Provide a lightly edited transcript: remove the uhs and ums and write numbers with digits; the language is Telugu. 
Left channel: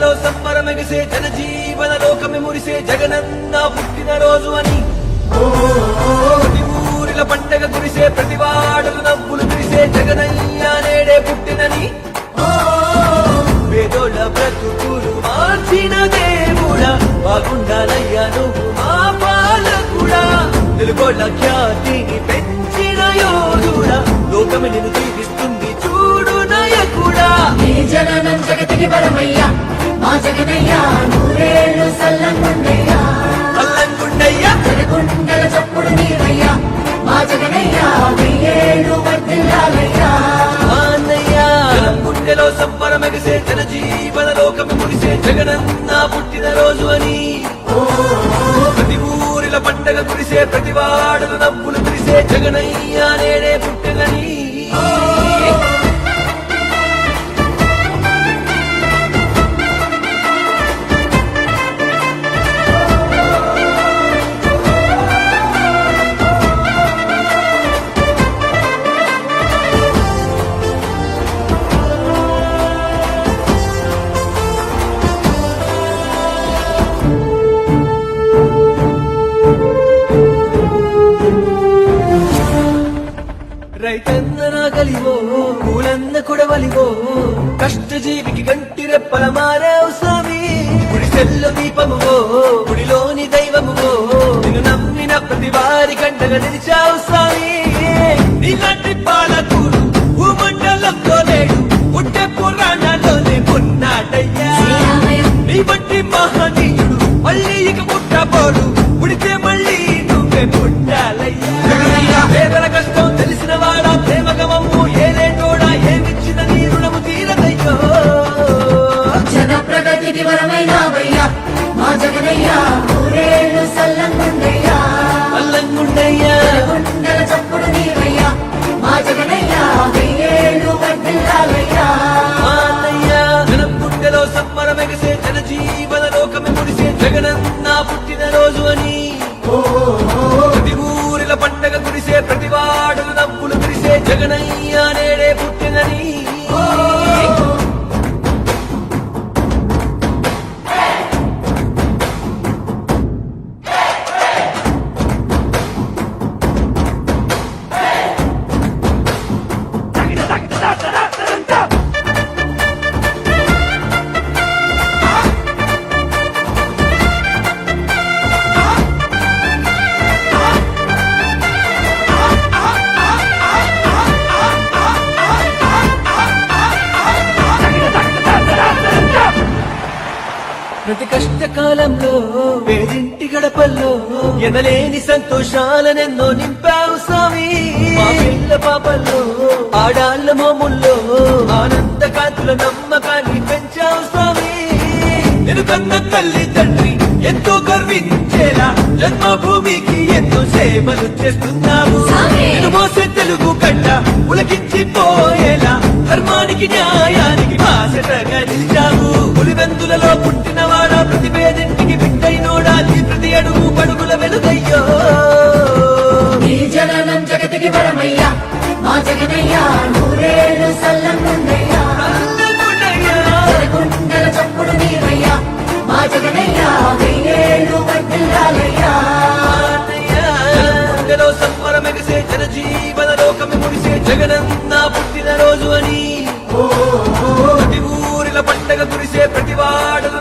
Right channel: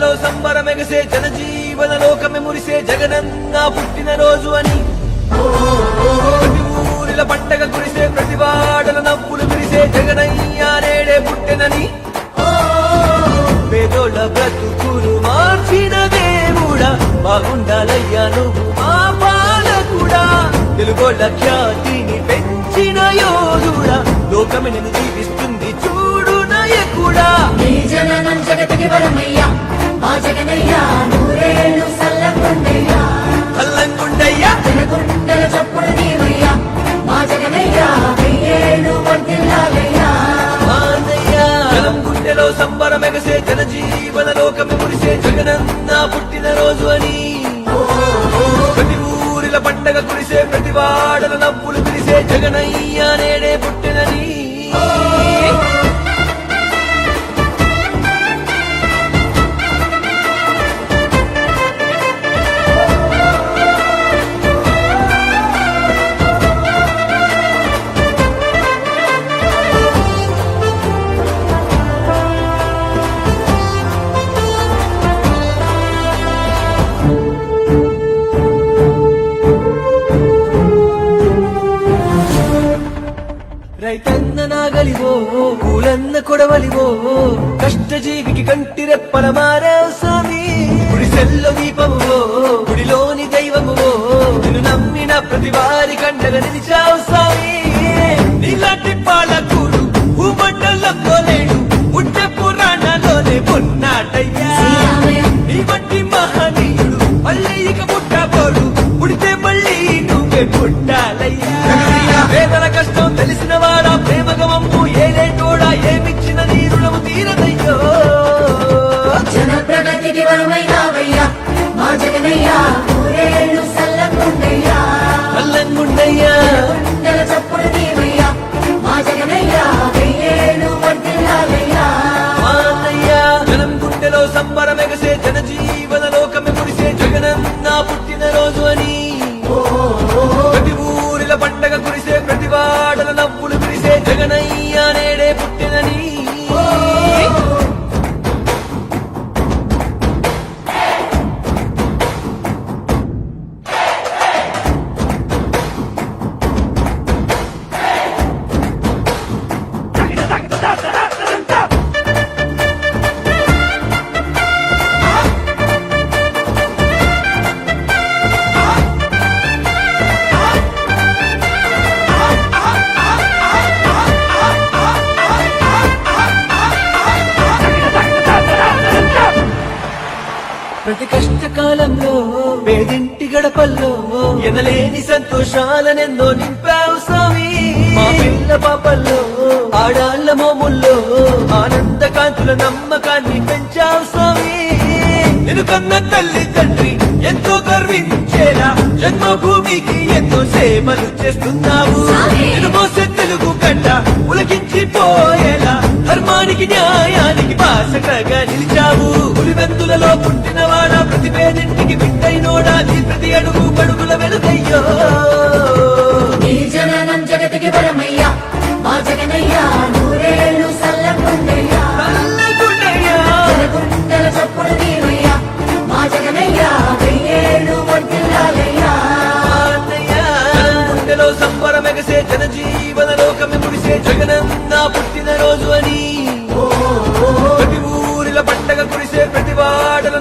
గుండెలో సంబరమెగిసే జనజీవన లోకమే మురిసే జగనన్న పుట్టిన రోజు అని ప్రతి ఊరిల పండగ కురిసే ప్రతి వాడల నవ్వులు విరిసే జగనయ్య నేడే పుట్టినని పేదోళ్ళ బ్రతుకులు మార్చిన దేవుడా బాగుండాలయ్యా నువ్వు మా పాలకుడా తెలుగోళ్ళ ఖ్యాతిని పెంచిన యోధుడా లోకమే నిన్ను జీవిస్తుంది చూడు నాయకుడా జననం జగతికి వరమయ్యా మా జగనయ్యా నూరేళ్ళు సల్లంగుండయ్యా అల్లంగుండయ్యా జనగుండల చప్పుడు నీవయ్యా మా జగనయ్యా వెయ్యేళ్ళు వర్ధిల్లాలయ్యా గుండెలో సంబరమెగసే జన జీవన లోకము మురిసే జగనన్న పుట్టిన రోజు అని ప్రతి ఊరిల పండగ కురిసే ప్రతి వాడల నవ్వులు కురిసే జగనయ్య నేడే పుట్టినని రైతన్న నాగలివో కూలన్న కొడవలివో కష్టజీవికి కంటి రెప్పల మారావు స్వామి గుడిసెల్లో దీపమువో గుడిలోని దైవమువో నిన్ను నమ్మిన ప్రతి వారి కంటల నిలిచావు స్వామి నీలాంటి పాలకూడు భూమండలంలోలేడు ఉంటే పురాణాల్లోనే ఉన్నాడయ్యా నీ బట్టి మహనీయుడు మళ్ళీ ఇక పుట్టబోడు పుడితే మళ్ళీ నువ్వే పుట్టాలయ్యా పేదల కష్టం తెలిసిన వాడా ప్రేమగమము ఏదే కూడా ఏమిచ్చిన నీ రుణము తీరదయ్యో జన ప్రగతికి వరమైనావయ్యా మా జగనయ్యా నూరేళ్ళు సల్లంగుండయ్యా అల్లంగుండయ్యా జనగుండల చప్పుడు నీవయ్యా మా జగనయ్యా వెయ్యేళ్ళు వర్ధిల్లాలయ్యా మాన్నయ్యా జనం గుండెలో సంబరమెగసే జన జీవన లోకమే మురిసే జగనన్న పుట్టిన రోజు అని ప్రతి ఊరిల పండగ కురిసే ప్రతి వాడల నవ్వులు విరిసే జగనయ్య నేడే పుట్టినని ప్రతి కష్టకాలంలో పేదింటి గడపల్లో ఎనలేని సంతోషాలనెన్నో నింపావు స్వామి మా పిల్ల పాపల్లో ఆడాళ్ల మోముల్లో ఆనంద కాంతుల నమ్మకాన్ని పెంచావు స్వామి నేను కన్న తల్లి తండ్రి ఎంతో గర్వించేలా జన్మభూమికి ఎన్నో సేవలు చేస్తున్నావు నేను మోసే తెలుగు గడ్డ ఉలకించిపోయేలా ధర్మానికి న్యాయానికి బాసటగా నిలిచావు పులివెందులలో పుట్టినవాడా ప్రతి పేదింటికి బిడ్డైనోడా నీ ప్రతి అడుగు పడుగుల వెలుగయ్యో నీ జననం జగతికి వరమయ్యా మా జగనయ్యా నూరేళ్ళు సల్లంగుండయ్యా జనగుండల చప్పుడు నీవయ్యా మా జగనయ్యా వెయ్యేళ్ళు వర్ధిల్లాలయ్యా గుండెలో సంబరమెగసే జన జీవన లోకమే మురిసే జగనన్న పుట్టిన రోజు అని ప్రతి ఊరిల పండగ కురిసే ప్రతి వాడల